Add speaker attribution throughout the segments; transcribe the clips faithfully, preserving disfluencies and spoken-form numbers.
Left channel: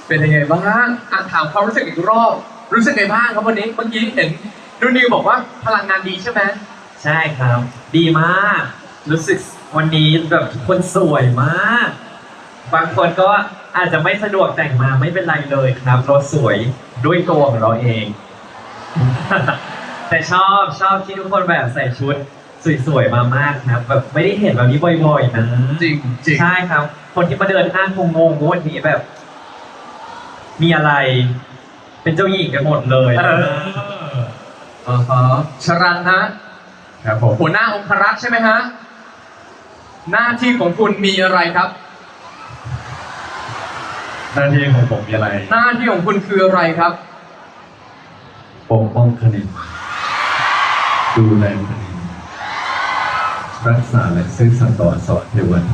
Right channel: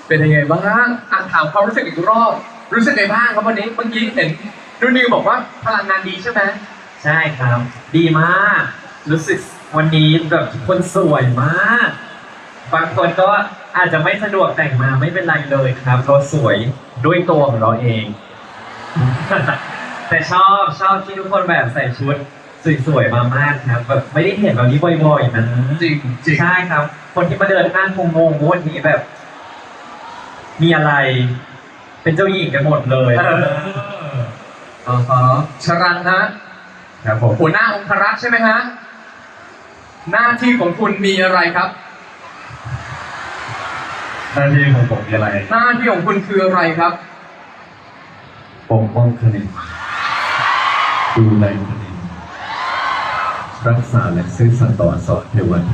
Speaker 1: เป็นยังไงบ้างอ่านถามความรู้สึกอีกรอบรู้สึกไงบ้างครับวันนี้เมื่อกี้เห็นดูนิวบอกว่าพลังงานดีใช่ไหม
Speaker 2: ใช่ครับ ดีมาก รู้สึกวันนี้แบบทุกคนสวยมาก บางคนก็อาจจะไม่สะดวกแต่งมาไม่เป็นไรเลยครับเราสวยด้วยตัวของเราเอง แต่ชอบชอบที่ทุกคนแบบใส่ชุดสวยๆมามากครับแบบไม่ได้เห็นแบบนี้บ่อยๆนะ
Speaker 1: จริงจริง
Speaker 2: ใช่ครับ คนที่มาเดินห้างคงงงว่าวันนี้แบบ มีอะไร เป็นเจ้าหญิงกันหมดเลย
Speaker 1: เอออ๋อชรันฮะ
Speaker 3: ครับผม
Speaker 1: หัวหน้าองครักษ์ใช่ไหมฮะหน้าที่ของคุณมีอะไรครับ
Speaker 3: หน้าที่ของผมมีอะไร
Speaker 1: หน้าที่ของคุณคืออะไรครับ
Speaker 3: ปกป้องคดีดูแลคดีรักษาและซื่อสัตย์ต่อสอนเทวัน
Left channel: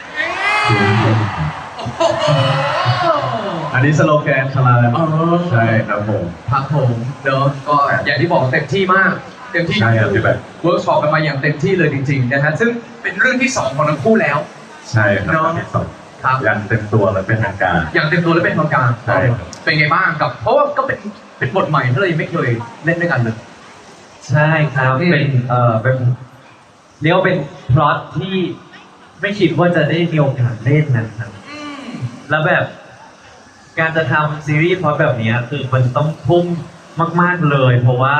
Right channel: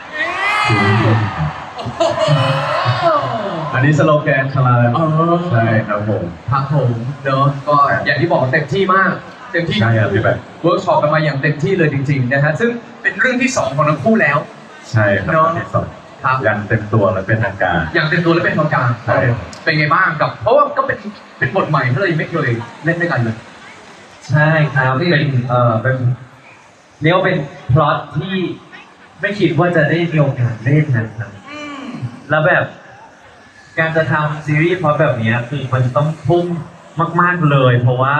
Speaker 3: อันนี้สโลแกนชลาแล้ว
Speaker 1: เออ
Speaker 3: ใช่ครับผม
Speaker 1: ครับผมเนาะก็อย่างที่บอกเต็มที่มากเต็มที่
Speaker 3: ใช่ครับพี่แบบ
Speaker 1: เวิร์กช็อปกันมาอย่างเต็มที่เลยจริงๆนะฮะซึ่งเป็นเรื่องที่สองของทั้งคู่แล้ว
Speaker 3: ใช่ครับ
Speaker 1: เนาะ
Speaker 3: ที่สอง
Speaker 1: ครับ
Speaker 3: ยันเต็มตัวและเป็นทางการ
Speaker 1: อย่างเต็มตัวและเป็นทางการ
Speaker 3: ใช่
Speaker 1: เป็นไงบ้างกับ เพราะว่าก็เป็นเป็นบทใหม่ที่เรายังไม่เคยเล่นด้วยกันเลย
Speaker 2: ใช่ครับเป็นเอ่อเป็นเรียกว่าเป็นพล็อตที่ไม่คิดว่าจะได้มีโอกาสเล่นนะครับแล้วแบบการจะทำซีรีส์พล็อตแบบนี้คือมันต้องทุ่มมาก ๆเลย เพราะว่า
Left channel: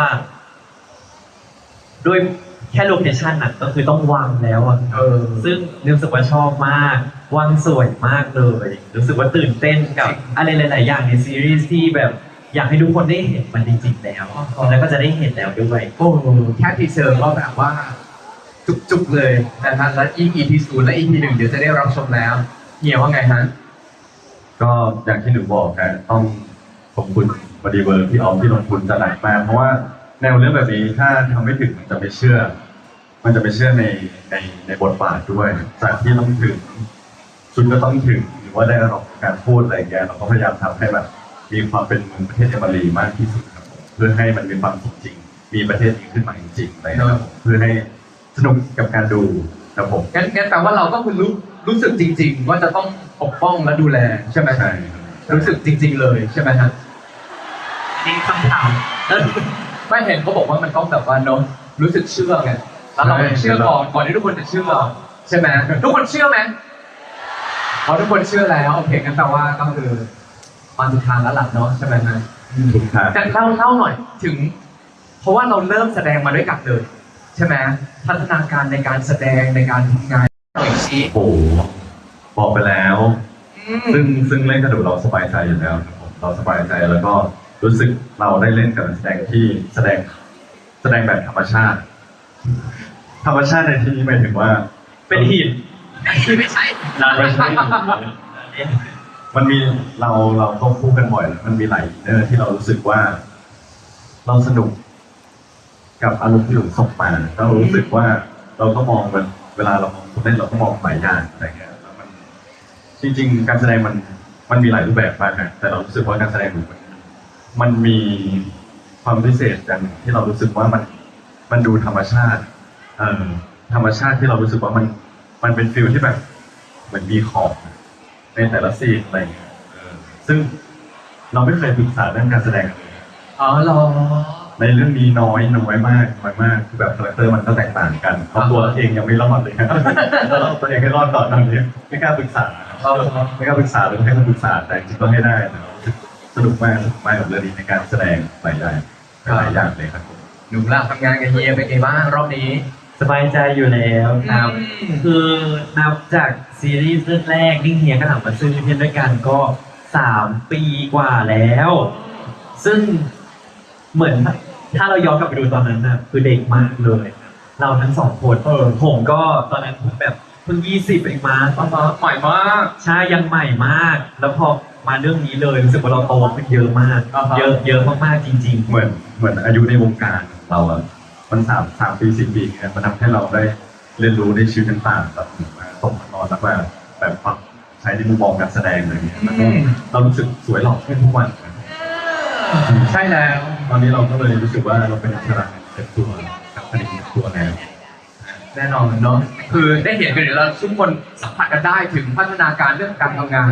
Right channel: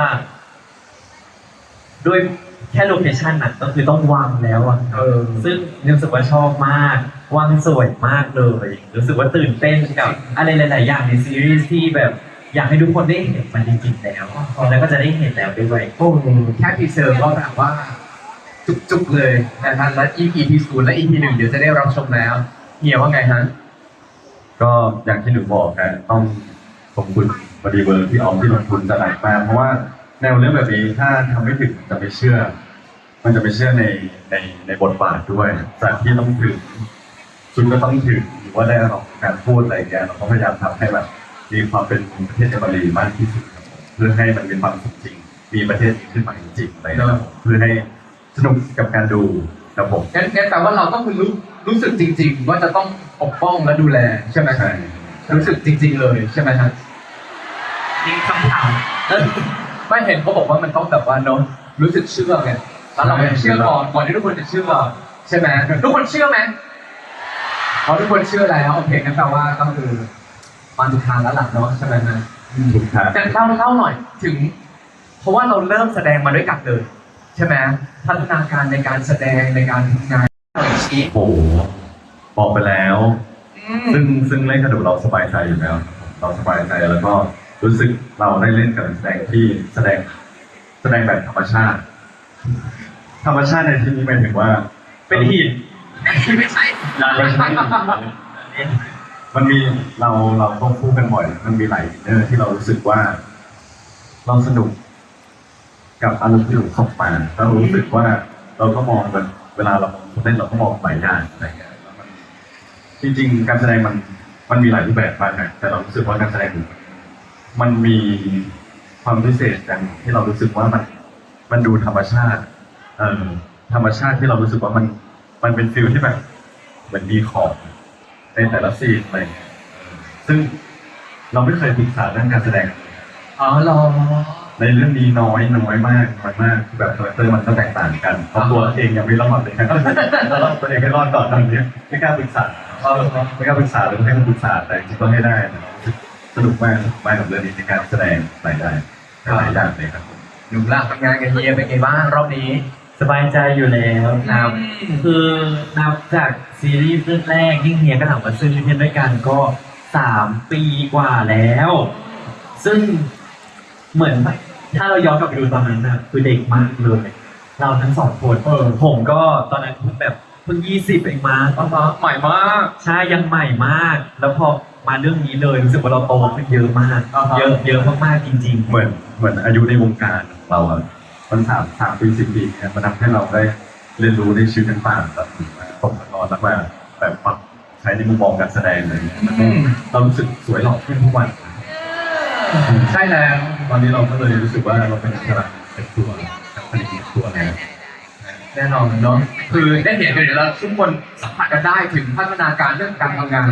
Speaker 2: ด้วยแค่โลเคชั่นน่ะก็คือต้องวางแล้วอะ
Speaker 1: เออ
Speaker 2: ซึ่งรู้สึกว่าชอบมากวางสวยมากเลยรู้สึกว่าตื่นเต้นกับอะไรหลาย ๆ อย่างในซีรีส์ที่แบบอยากให้ทุกคนได้เห็นมันจริงๆแล้วแล้วก็จะได้เห็นแล้วด้วย
Speaker 1: โอ้โหแค่ทีเซอร์ก็แบบว่า จุกๆเลยนะฮะและ อี พี ที่ศูนย์และ อี พี หนึ่งเดี๋ยวจะได้รับชมแล้วเฮียว่าไงฮะ
Speaker 3: ก็อย่างที่หนูบอกนะต้องขอบคุณบริเวอร์ที่ออมที่ลงทุนจะหนักมากเพราะว่าแนวเรื่องแบบนี้ถ้าทำไม่ถึงจะไม่เชื่อ มันจะไม่เชื่อในในในบทบาทด้วย จากที่ต้องถึงชุดก็ต้องถึงหรือว่าได้ระดับการพูดอะไรแกเราก็พยายามทำให้แบบมีความเป็นประเทศเอเมรีมากที่สุดครับผมเพื่อให้มันมีความจริงๆมีประเทศนี้ขึ้นมาจริงๆอะไรนะครับผมเพื่อให้สนุกกับการดูครับผม
Speaker 1: งั้นงั้นแปลว่าเราก็คุณรู้รู้สึกจริง ๆ ว่าจะต้องปกป้องและดูแลใช่ไหม
Speaker 3: ใช่
Speaker 1: รู้สึกจริง ๆ เลยใช่ไหมฮะมีคำถามไม่เห็นเขาบอกว่ามันต้องแบบว่าเนอะรู้สึกเชื่อไงแล้วเราเชื่อก่อนก่อนที่ทุกคนจะเชื่อใช่ไหมทุกคนเชื่อไหมพอทุกคนเชื่อแล้วโอเคงั้นแปลว่าก็คือมาถูกทางแล้วหลักเนาะใช่ไหมฮะ
Speaker 3: ถูกครับ
Speaker 1: แต่เล่าเล่าหน่อยถึง เพราะว่าเราเริ่มแสดงมาด้วยกันเลยใช่ไหมพัฒนาการในการแสดงในการทำงานหน่อยสิ
Speaker 3: โอ้โหบอกไปแล้ว
Speaker 1: อืม
Speaker 3: ซึ่งซึ่งเล่นกระดูกเราสบายใจอยู่แล้วครับผมเราสบายใจแล้วก็รู้สึกเราได้เล่นกับแสดงที่แสดงแสดงแบบธรรมชาติ ธรรมชาติในที่นี้หมายถึงว่า
Speaker 2: เป็นหิน
Speaker 1: ไม่ใช่
Speaker 3: ไม่ใช่มันมีเราเราต้องพูดกันบ่อย มันมีหลายอินเนอร์ที่เรารู้สึกว่า เราสนุก กับอารมณ์ที่หลุดเข้ามาเรารู้สึกว่าเราก็มองมันเวลาเราเล่นเราก็มองหลายอย่างอะไรเงี้ยแล้วมันจริง ๆ การแสดงมันมันมีหลายรูปแบบมากนะแต่เรารู้สึกว่าการแสดงมันมีความพิเศษอย่างที่เรารู้สึกว่ามันมันดูธรรมชาติ เอ่อธรรมชาติที่เรารู้สึกว่ามันมันเป็นฟิลที่แบบเหมือนมีขอบในแต่ละซีนอะไรเงี้ยเออซึ่งเราไม่เคยศึกษาเรื่องการแสดงเลย
Speaker 1: อ๋อเหรอ
Speaker 3: ในเรื่องนี้น้อยน้อยมากน้อยมากคือแบบคาแรคเตอร์มันก็แตกต่างกันเพราะตัวเองยังไม่รอดเลยครับเราเอาตัวเองให้รอดก่อนตอนนี้ไม่กล้าปรึกษาเราไม่กล้าปรึกษาเลยให้คนปรึกษาแต่จริงๆก็ให้ได้นะสนุกมากสนุกมากกับเรื่องนี้ในการแสดงหลายอย่างหลายอย่างเลยครับ
Speaker 1: หนูล่ะทำงานกับเฮียเป็นไงบ้างรอบนี้
Speaker 2: สบายใจอยู่แล้วครับ
Speaker 1: อืม
Speaker 2: คือนับจากซีรีส์เรื่องแรกที่เฮียก็ทำกับซึ่งเพื่อนด้วยกันก็สามปีกว่าแล้ว ซึ่งเหมือนถ้าเราย้อนกลับไปดูตอนนั้นนะคือเด็กมากเลย เราทั้งสองคนเออผมก็ตอนนั้นแบบเพิ่งยี่สิบเองมา
Speaker 1: อ๋อใหม่มาก
Speaker 2: ใช่ยังใหม่มาก แล้วพอมาเรื่องนี้เลยรู้สึกว่าเราโตขึ้นเยอะมาก
Speaker 1: อ่าฮะ
Speaker 2: เยอะเยอะมากๆจริง ๆ
Speaker 3: เหมือนเหมือนอายุในวงการเราอะมันสามสามปีสี่ปีเนี่ยมันทำให้เราได้เรียนรู้ในชีวิตต่างๆแบบตกตอนแล้วว่าแบบปรับใช้ในมุมมองการแสดงเลยเรารู้สึกสวยหล่อขึ้นทุกวัน
Speaker 1: ใช่แล้ว
Speaker 3: ตอนนี้เราก็เลยรู้สึกว่าเราเป็นนักแสดงเป็นตัวผลิตตัวแล้ว
Speaker 1: แน่นอนเนาะคือได้เห็นกันเดี๋ยวเราทุกคนสัมผัสกันได้ถึงพัฒนาการเรื่องการทำงาน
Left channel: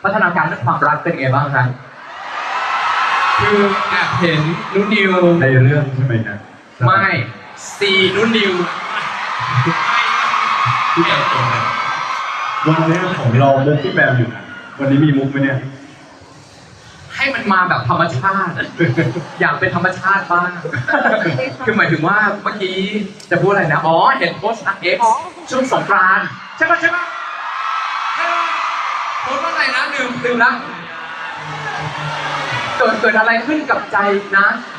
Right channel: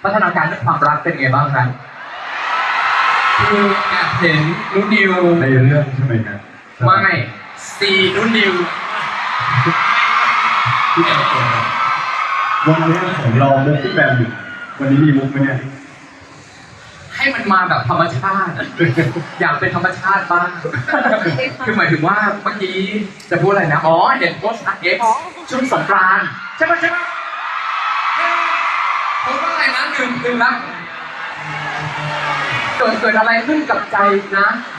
Speaker 1: พัฒนาการเรื่องความรักเป็นไงบ้างครับคือแอบเห็นนุ่นนิว
Speaker 3: ในเรื่องใช่ไหมครับ
Speaker 1: ไม่ซีนุ่นนิวที่เติบโต
Speaker 3: วันนี้ของเราเรื่องที่แบบอยู่วันนี้มีมุกไหมเนี่ย
Speaker 1: ให้มันมาแบบธรรมชาติ อยากเป็นธรรมชาติบ้าง คือหมายถึงว่าเมื่อกี้จะพูดอะไรนะ อ๋อ เห็นโพสต์เอ็กซ์ช่วงสงกรานต์ใช่ไหมใช่ไหมโพสต์ว่าอะไรนะลืมลืมละเกิดเกิดอะไรขึ้นกับใจนะ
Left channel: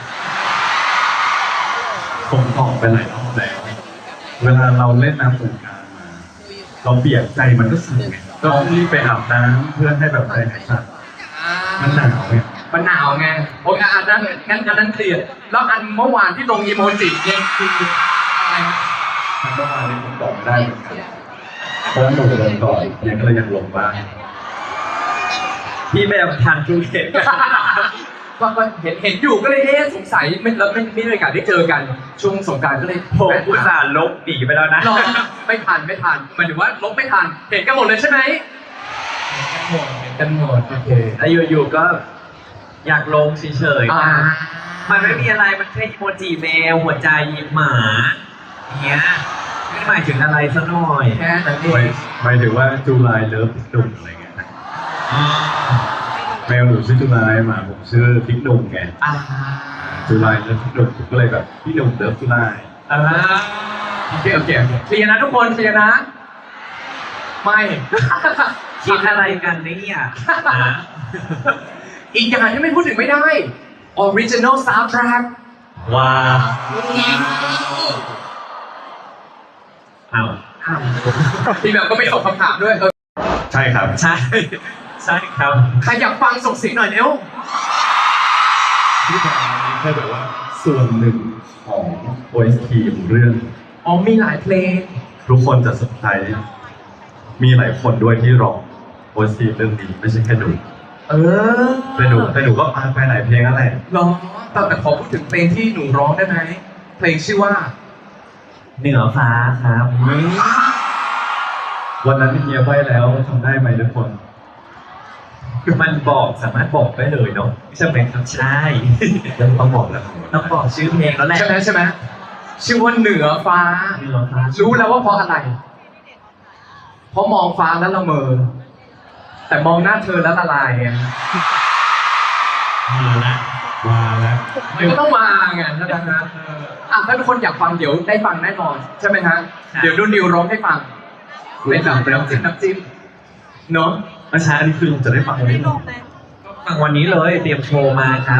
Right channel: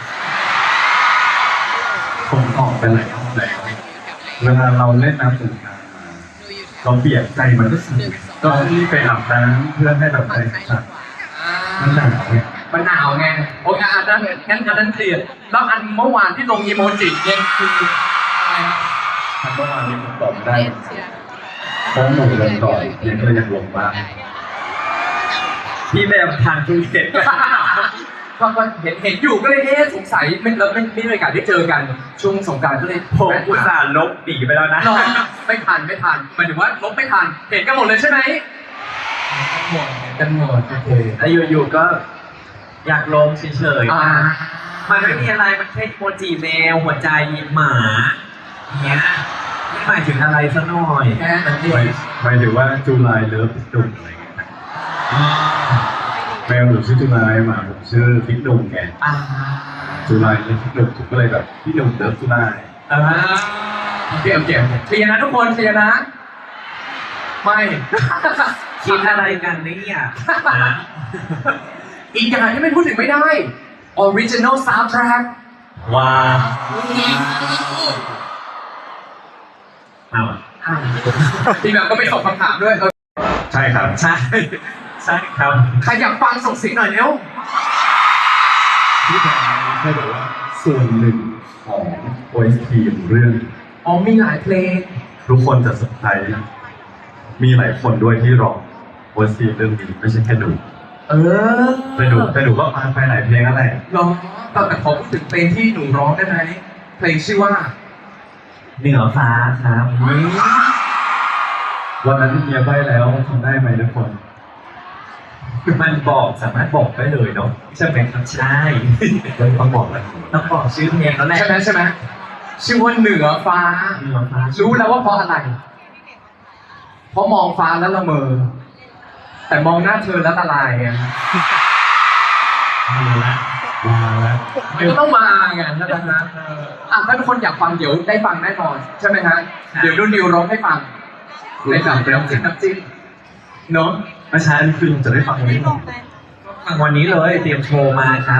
Speaker 3: ผมออกไปหลายรอบแล้วเวลาเราเล่นน้ำสงกรานต์มาเราเปียกใจมันก็สูงก็รีบไปอาบน้ำเพื่อให้แบบใจสั่นมันหนาวเนี่ย
Speaker 1: มันหนาวไงโอเคอันนั้นงั้นอันนั้นเคลียร์แล้วอันเมื่อวานที่ลงอีโมจิเนี่ยคืออะไร
Speaker 3: ทำได้ในผมตอบไม่ได้เพราะว่าหนูโดนก่อนยังก็เลยอยากลงบ้าง
Speaker 2: พี่แบบทานคือเห็น
Speaker 1: ก็ก็เห็นเห็นอยู่ก็เลยเอ๊ะสงสัยไม่แล้วไม่ไม่มีโอกาสได้เจอกันช่วงสงกรานต์ก็เลย
Speaker 2: ผมอุตส่าห์ลบหนีไปแล้วนะ
Speaker 1: รอไม่ทันไม่ทันหมายถึงว่าลบไม่ทันเห็นกันหมดเลยใช่ไหมหมดกันหมดโอเค
Speaker 2: แล้วอยู่ๆก็อยากลงเฉย
Speaker 1: อ่า
Speaker 2: ๆ มันไม่มีอะไร มันแค่โมจิแมวหัวใจหมาเนี้ยไม่หมายถึงอะไรซะหน่อย
Speaker 1: แค่นั้นเอ
Speaker 3: หมาย
Speaker 1: ง
Speaker 3: หมายถึงว่าจูไลเลิฟดุ่มอะไรเงี้ยแมวหนูชื่อจูไลหมาผมชื่อพิกดุ่มไง
Speaker 1: อ่า
Speaker 3: จูไลเลิฟพิกดุ่มผมก็เลยแบบพี่ดุ่มเลิฟจูไล
Speaker 1: อ่าเก่งเก่งเคลียร์นะทุกคนเคลียร์นะ ไม่
Speaker 2: คิดอะไรกันเนี่ยนะ
Speaker 1: อีกอย่างที่ไม่พูดถึงไม่ได้ original soundtrack
Speaker 2: ว้าวอ้าว
Speaker 1: ทีแบบก็ไม่ตอบคำถามด้วย
Speaker 3: ใช่ครับ
Speaker 2: ใช่ ใช่ครับ
Speaker 1: ใครอยากฟังส่งเสียงหน่อยเร็ว
Speaker 3: ที่แบรนด์นี้เขาบอกว่าส่วนหนึ่งของ โอ เอส ที เรื่อง
Speaker 1: อ๋อมีหลายเพลง
Speaker 3: ทุกคนจะสนใจมีหลายคนด้วยที่ร้อง โอ เอส ที เรื่องนี้ไม่ใช่แค่หนู
Speaker 1: เออ
Speaker 3: แต่หนูแต่หนูก็ฟังไปหลายเพลงอะไร
Speaker 1: ร้องแต่แต่ขอพูดถึงเพลงที่หนูร้องได้ไหมเพลงชื่อว่า
Speaker 2: เหนือฟ้าครับ
Speaker 3: วันนั้นเมียได้แล้วทำได้ไหมทุกคน
Speaker 2: มันบอกสามารถบอกได้เลยเนาะใช่ไหมครับใช่
Speaker 3: ไม่ต้องบอกเลย
Speaker 2: ต้องบอกชื่อเพลงแล้วแหละ
Speaker 1: ใช่ไหมใช่ไหมชื่อว่าเหนือฟ้า
Speaker 2: เหนือฟ้า
Speaker 1: รู้แล้วว่าเพราะอะไร เพราะมองฟ้าแล้วละเมอ แต่มองหน้าเธอแล้วละลายไง
Speaker 2: มีละ
Speaker 3: มาแล้ว
Speaker 1: เดี๋ยวต้องมาไงแล้วตอนนั้นเอออ่ะถ้าทุกคนอยากฟังเดี๋ยวได้ฟังแน่นอนใช่ไหมฮะเดี๋ยวรุ่นนิวร้องให้ฟังได้ฟังน้ำจิ้มน้ำจิ้มเนาะ
Speaker 3: อาชาอันนี้คือจะได้ฟังวันนี้
Speaker 2: วันนี้เลยเตรียมโชว์มาครับ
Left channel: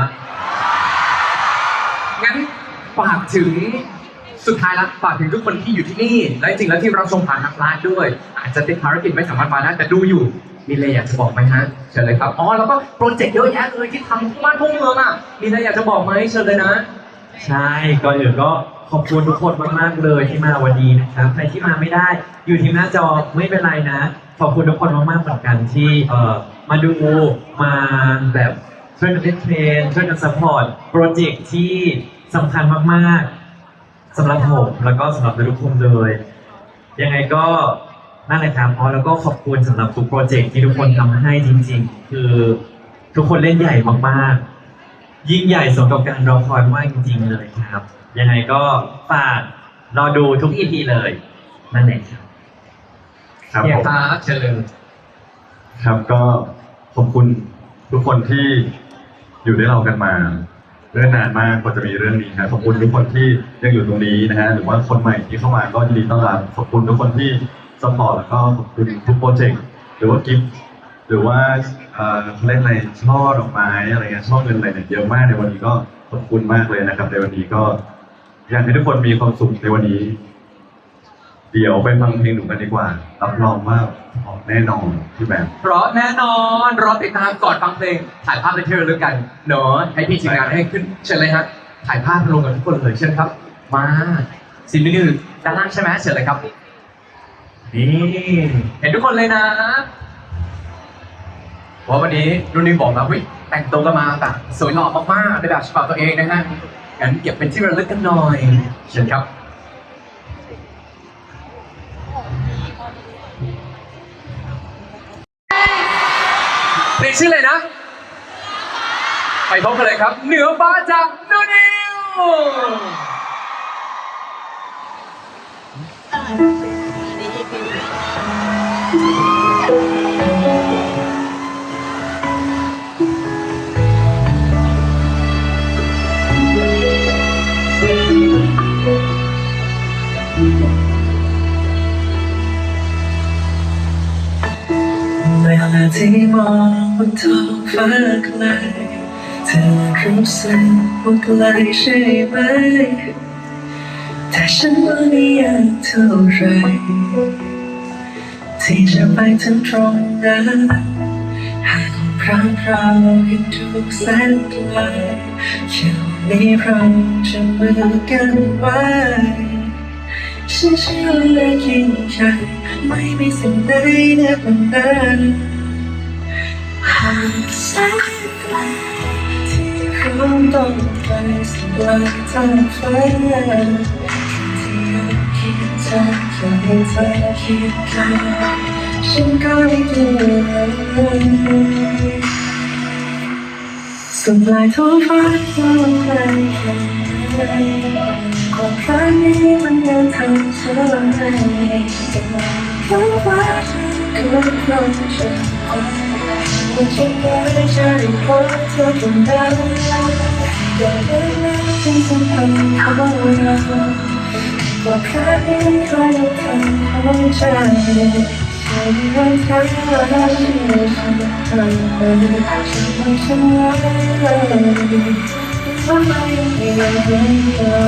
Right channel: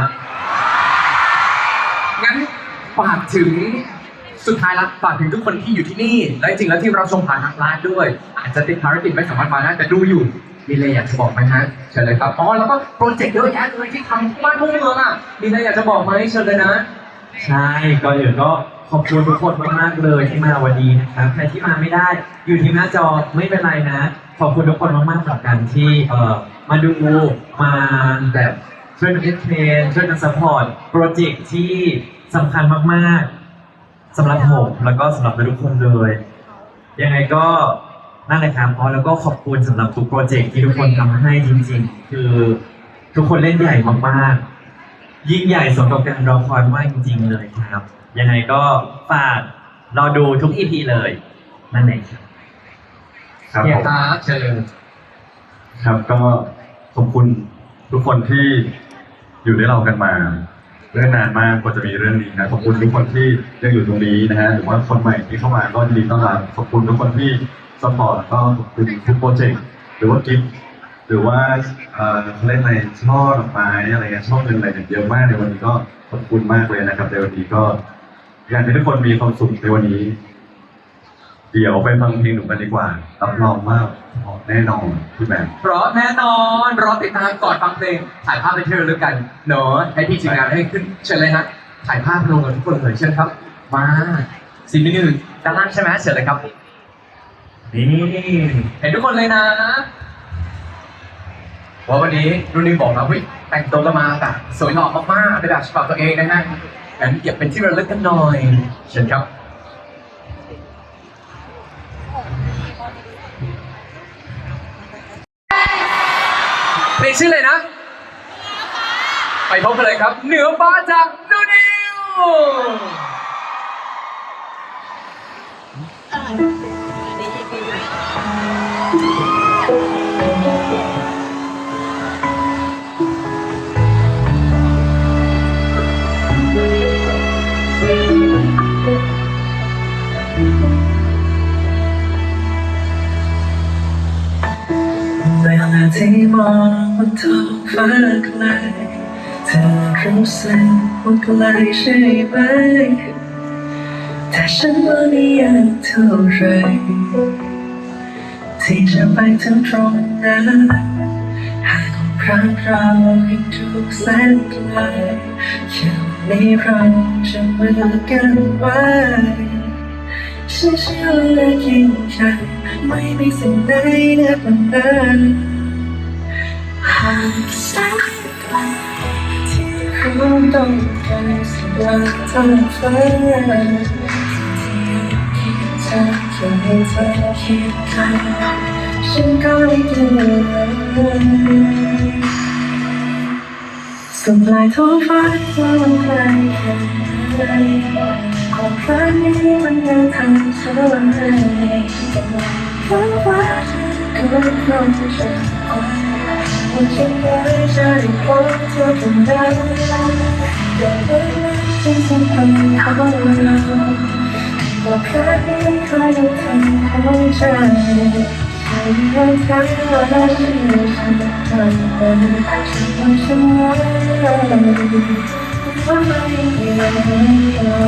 Speaker 1: งั้นฝากถึงสุดท้ายแล้วฝากถึงทุกคนที่อยู่ที่นี่ และจริงแล้วที่เราชมผ่านทางไลฟ์ด้วย อาจจะติดภารกิจไม่สามารถมาได้แต่ดูอยู่ มีอะไรอยากจะบอกไหมฮะเชิญเลยครับอ๋อแล้วก็โปรเจกต์เยอะแยะเลยที่ทำที่บ้านพุ่งเมืองอ่ะมีอะไรอยากจะบอกไหมเชิญเลยนะ
Speaker 2: ใช่ก่อนอื่นก็ขอบคุณทุกคนมากๆเลยที่มาวันนี้นะครับใครที่มาไม่ได้ อยู่ที่หน้าจอไม่เป็นไรนะ ขอบคุณทุกคนมากๆสำหรับการที่เอ่อมาดูมาแบบช่วยกันเอ็กเพลนช่วยกันซัพพอร์ตโปรเจกต์ที่สำคัญมากๆสำหรับผมแล้วก็สำหรับทุกคนเลย ยังไงก็นั่นแหละครับอ๋อแล้วก็ขอบคุณสำหรับทุกโปรเจกต์ที่ทุกคนทำให้จริงๆ คือทุกคนเล่นใหญ่มากๆ ยิ่งใหญ่สมกับการรอคอยมากจริงๆเลยครับ ยังไงก็ฝากรอดูทุก อี พี เลย นั่นเองครับ
Speaker 3: ครับ
Speaker 1: อยา
Speaker 3: ผ
Speaker 1: ก
Speaker 3: ม
Speaker 1: ตาเชิญ
Speaker 3: ครับก็ขอบคุณทุกคนที่อยู่ด้วยเรากันมาเรื่องนานมากกว่าจะมีเรื่องนี้นะขอบคุณทุกคนที่ยังอยู่ตรงนี้นะฮะหรือว่าคนใหม่ที่เข้ามาก็ยินดีต้อนรับขอบคุณทุกคนที่สปอร์ตแล้วก็ขอบคุณทุกโปรเจกต์หรือว่ากิฟต์หรือว่าเอ่อเล่นอะไรช่อดอกไม้อะไรเงี้ยช่อเงินอะไรเนี่ยเยอะมากในวันนี้ก็ขอบคุณมากเลยนะครับในวันนี้ก็อยากให้ทุกคนมีความสุขในวันนี้ เดี๋ยวไปฟังเพลงหนูกันดีกว่ารับรองว่าออกแน่นอนพี่แบงค์
Speaker 1: เพราะแน่นอนรอติดตามก่อนฟังเพลงถ่ายภาพในเทเลด้วยกันเนาะให้พี่ทีมงานให้ขึ้นเชิญเลยฮะถ่ายภาพรวมกันทุกคนเลยเชิญครับ มาสิ่งนี้คือด้านล่างใช่ไหมเชิญเลยครับนี่เห็นทุกคนเลยนะว่าวันนี้รุ่นนี้บอกเราเฮ้ยแต่งตัวแล้วมาแบบสวยหล่อมากๆในแบบฉบับตัวเองนะฮะงั้นเก็บเป็นที่ระลึกกันหน่อยเชิญครับชื่ออะไรนะ ไปพบกันเลยครับ เหนือฟ้าจากนูนิว
Speaker 4: เวลาที่มองบนท้องฟ้าไกลเธอรู้สึกว่าไกลใช่ไหมแต่ฉันว่าไม่อยากเท่าไรที่จะไปถึงตรงนั้นหากครั้งเรายังถูกแสนไกลแค่วันนี้เราจะมือกันไว้ฉันเชื่อว่ายิ่งใหญ่ไม่มีสิ่งใดเหนือกว่านั้นหากแสนไกลที่เราต้องการสิ่งใดทั้งฟ้าที่เธอแค่ให้เธอคิดกันฉันก็ไม่กลัวสุดปลายท้องฟ้าจะไกลแค่ไหนความฝันนี้มันยังทำฉันให้แต่ฟ้าฟ้าฉันก็ต้องฉันไม่ใช่ว่าจะได้พบเธอคนเดิมแต่เมื่อฉันจะเป็นของเราก็แค่ให้เธอทำของฉันฉันยังใช้เวลาที่ฉันทำไปฉันไม่ใช่ว่าเราไม่มีเรา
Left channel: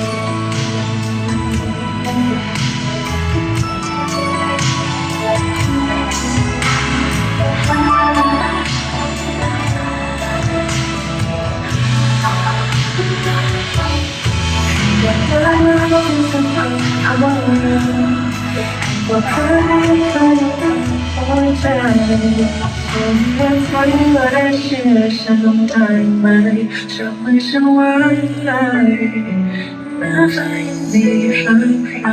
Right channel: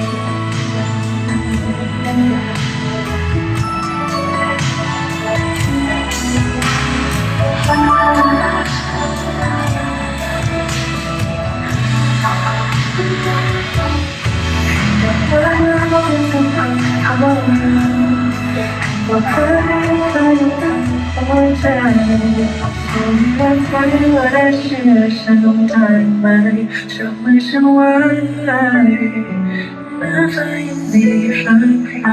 Speaker 4: ว่าเธอไม่เคยเป็นของฉันคนนั้นเธอและเชื่อฉันได้ไหมจับมือฉันไว้แม้เธอยังมีรักเรา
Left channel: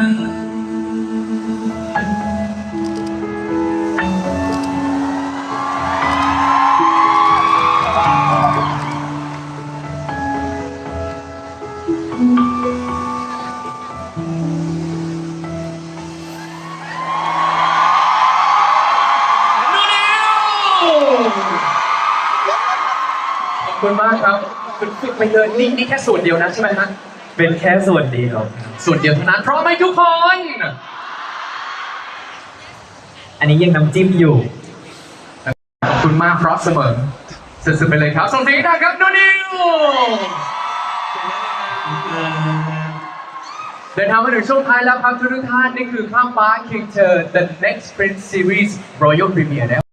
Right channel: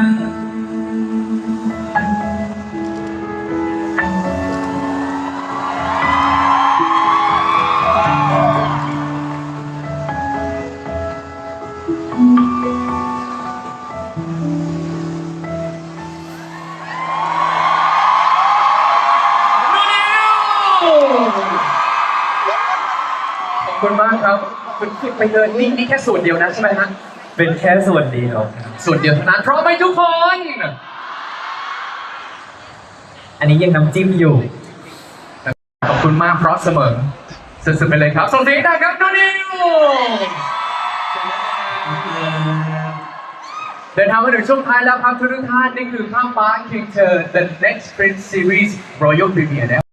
Speaker 1: ขอบคุณมากครับคุณฝึกไปเดินนี่นี่แค่ส่วนเดียวนะใช่ไหมฮะ
Speaker 2: เป็นแค่ส่วนเดียว
Speaker 1: ส่วนเดียวเท่านั้นพร้อมไหมทุกคน
Speaker 2: อันนี้ยังน้ำจิ้มอยู่
Speaker 1: ขอบคุณมากเพราะเสมอสุดๆไปเลยครับส่งเสียงได้ครับนูนิวเดินทางมาถึงช่วงท้ายแล้วครับทุกท่านนี่คือข้ามฟ้า King เธอ The Next Prince Series Royal Premiere นะครับ